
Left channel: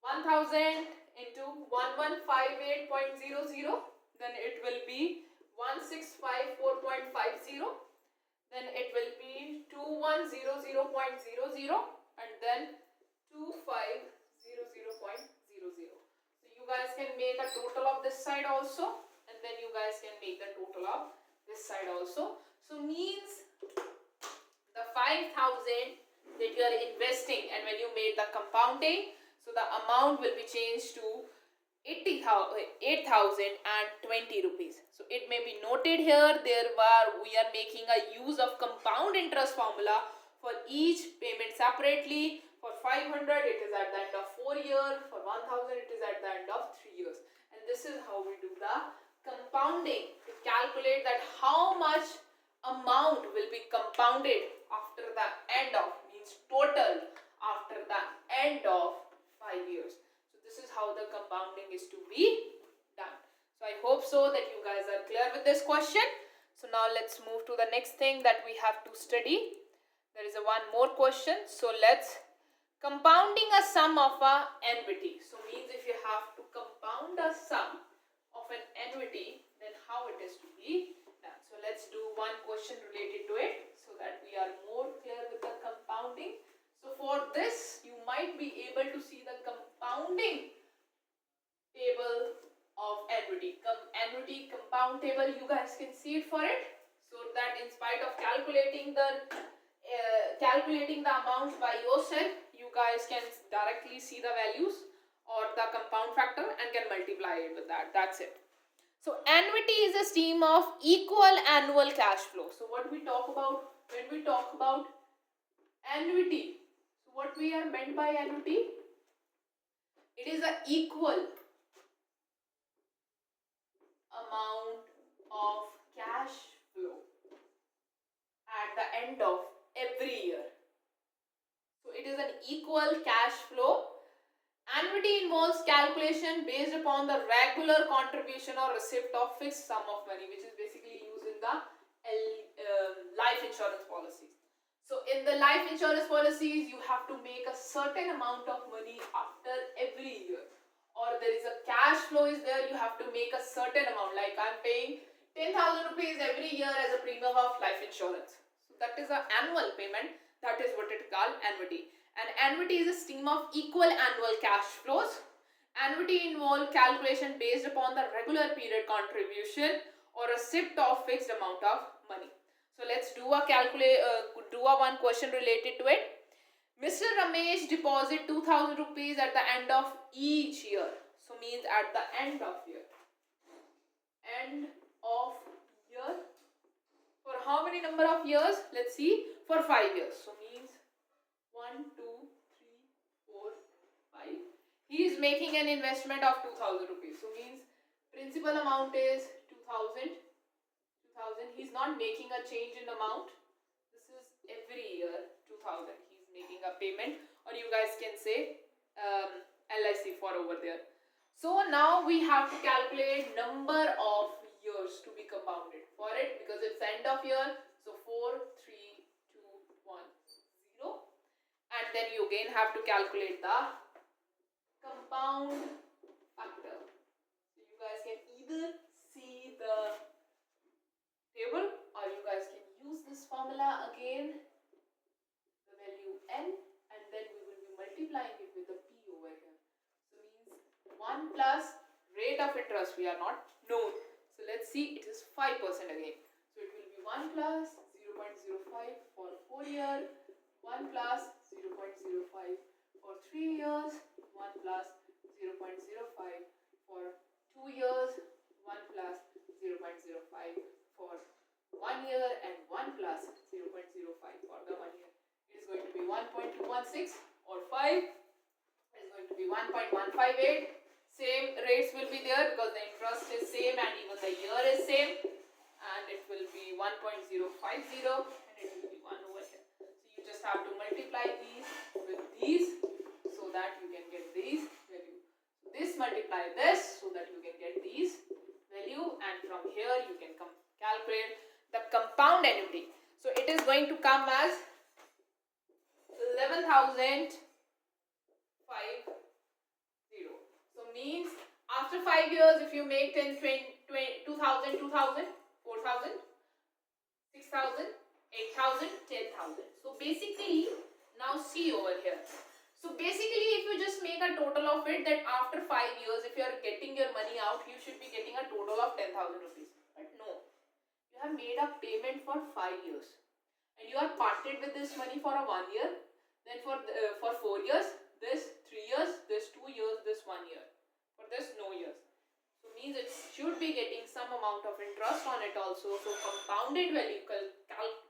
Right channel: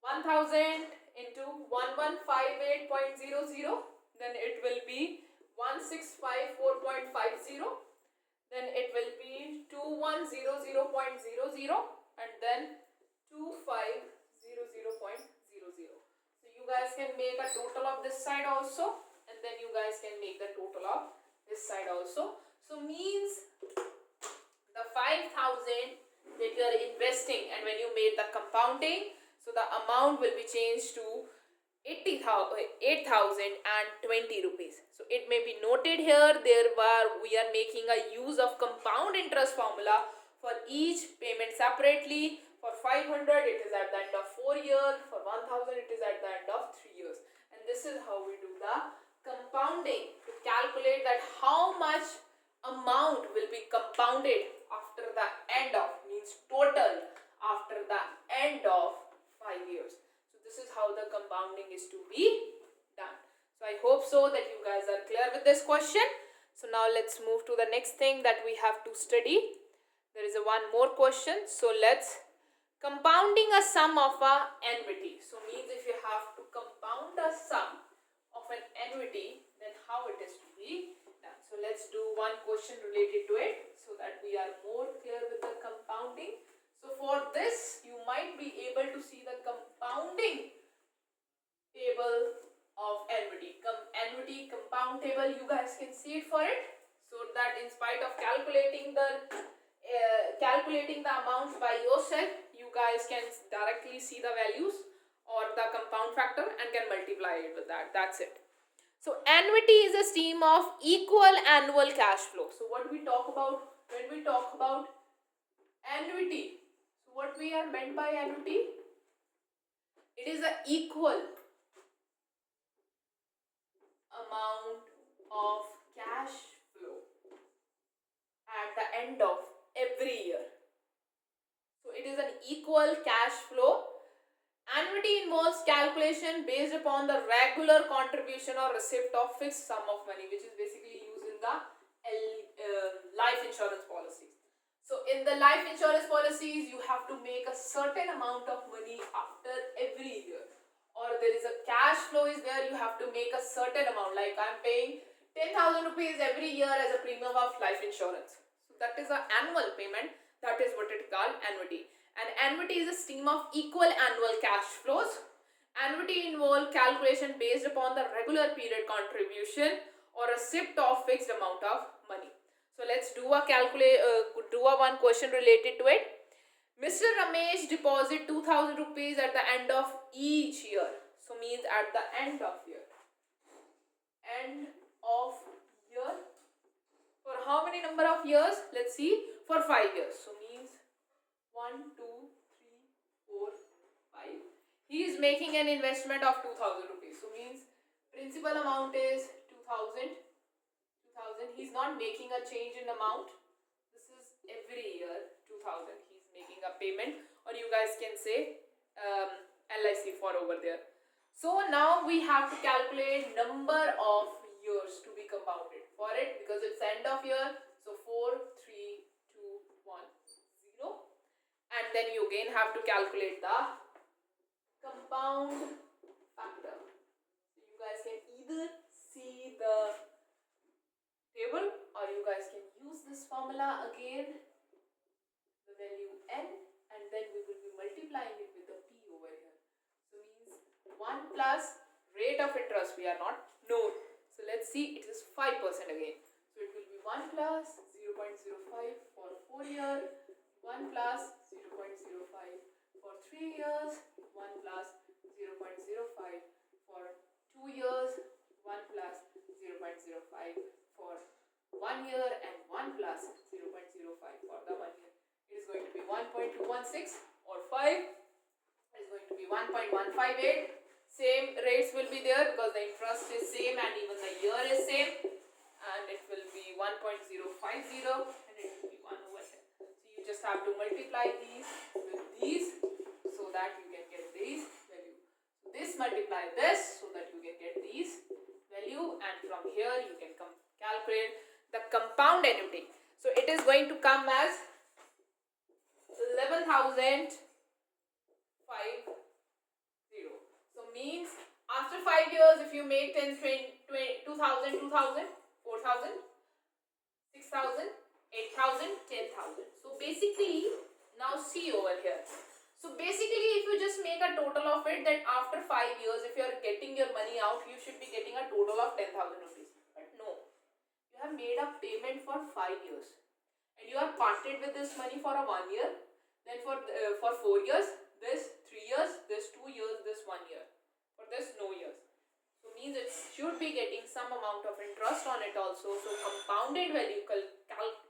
1000 into 1158.00. Then it will be 1654.50. Then it will be 2100.00, and then 2500.00. So you You guys can make a total of this side also, and then you guys can make the total of this side also. So means the 5,000 that you are investing, and when you made the compounding, so the amount will be changed to 8,020 rupees. So it may be noted here, we are making a use of compound interest formula for each payment separately. For 500 it is at the end of 4 years, for 1000 it is at the end of 3 years. And this is how we do the compounding, to calculate that how much amount will be compounded after the end of, means total after the end of 5 years. So this is how the compounding is to be done. So I hope so that you guys are clear with this question. So now let's move to the next thing that we have to study. There is one more question. So let's compounding a sum of a annuity. So means if you have to compound a sum of an annuity, then how it is to be done. So let's do one question related to it so that we are more clear with the compounding. So for this, you might be able to see the compounding table of annuity. Annuity compound table, you guys can see it for it. So that in spite of calculating the amounts by yourself, you guys can directly see the values or the compound factor and can multiply it with that. That's it. So annuity is a stream of equal annual cash flow. So what we talk about when we talk about annuity, so what we are meant by annuity, it is an equal amount of cash flow at the end of every year. So it is an equal cash flow. Annuity involves calculation based upon the regular contribution or receipt of fixed sum of money, which is basically used in the life insurance policies. So in the life insurance policies, you have to make a certain amount of money after every year, or there is a cash flow is there, you have to make a certain amount, like I'm paying 10,000 rupees every year as a premium of life insurance. So that is an annual payment. That is what it is called, annuity. And annuity is a stream of equal annual cash flows. Annuity involves calculation based upon the regular period contribution or a receipt of fixed amount of money. So let's do a one question related to it. Mr. Ramesh deposit 2,000 rupees at the end of each year. So means at the end of year. End of year. For how many number of years? Let's see. For 5 years. So means 1, 2, 3, 4, 5. He is making an investment of 2,000 rupees. So means principal amount is 2,000. He's not making a change in amount. This is every year 2,000. He's making a payment, or you guys can say LIC for over there. So now we have to calculate number of years to be compounded for it, because it's end of year. So 4, 3, 2, 1, 0. And then you again have to calculate the compound factor. So you guys can either see the table, or you guys can use this formula again, the value n, and then we will be multiplying it with the p over here. So means 1 plus rate of interest we are not known. So let's see, it is 5% again. So it will be 1 plus 0.05 for 4 years, 1 plus 0.05 for 3 years, 1 plus 0.05 for 2 years, 1 plus 0.05 for 1 year, and 1 plus 0.05 for the 1 year. It is going to be 1.216, or 5 is going to be 1.158. Same rates will be there because the interest is same and even the year is same, and it will be 1.050 and it will be 1 over here. So you just have to multiply these with these so that you can get these value. This multiply this so that you can get these value, and from here you can calculate the compound annuity. So it is going to come as 11,550. So means after 5 years, if you make 10, 20, 2,000, 2,000, 4,000, 6,000, 8,000, 10,000. So basically, now see over here. So basically, if you just make a total of it, that after 5 years, if you are getting your money out, you should be getting a total of 10,000 rupees. But no, you have made a payment for 5 years, and you are parted with this money for a 1 year, then for 4 years, this 3 years, this 2 years, this 1 year, for this no years. So means it should be getting some amount of interest on it also. So compounded value,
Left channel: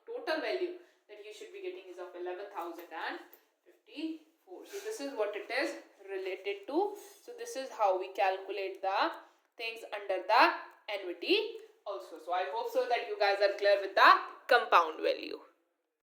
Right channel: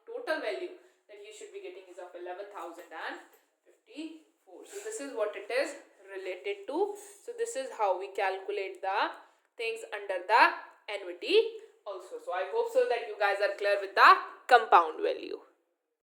total value that you should be getting is of 11,054. So this is what it is related to. So this is how we calculate the things under the annuity also. So I hope so that you guys are clear with the compound value.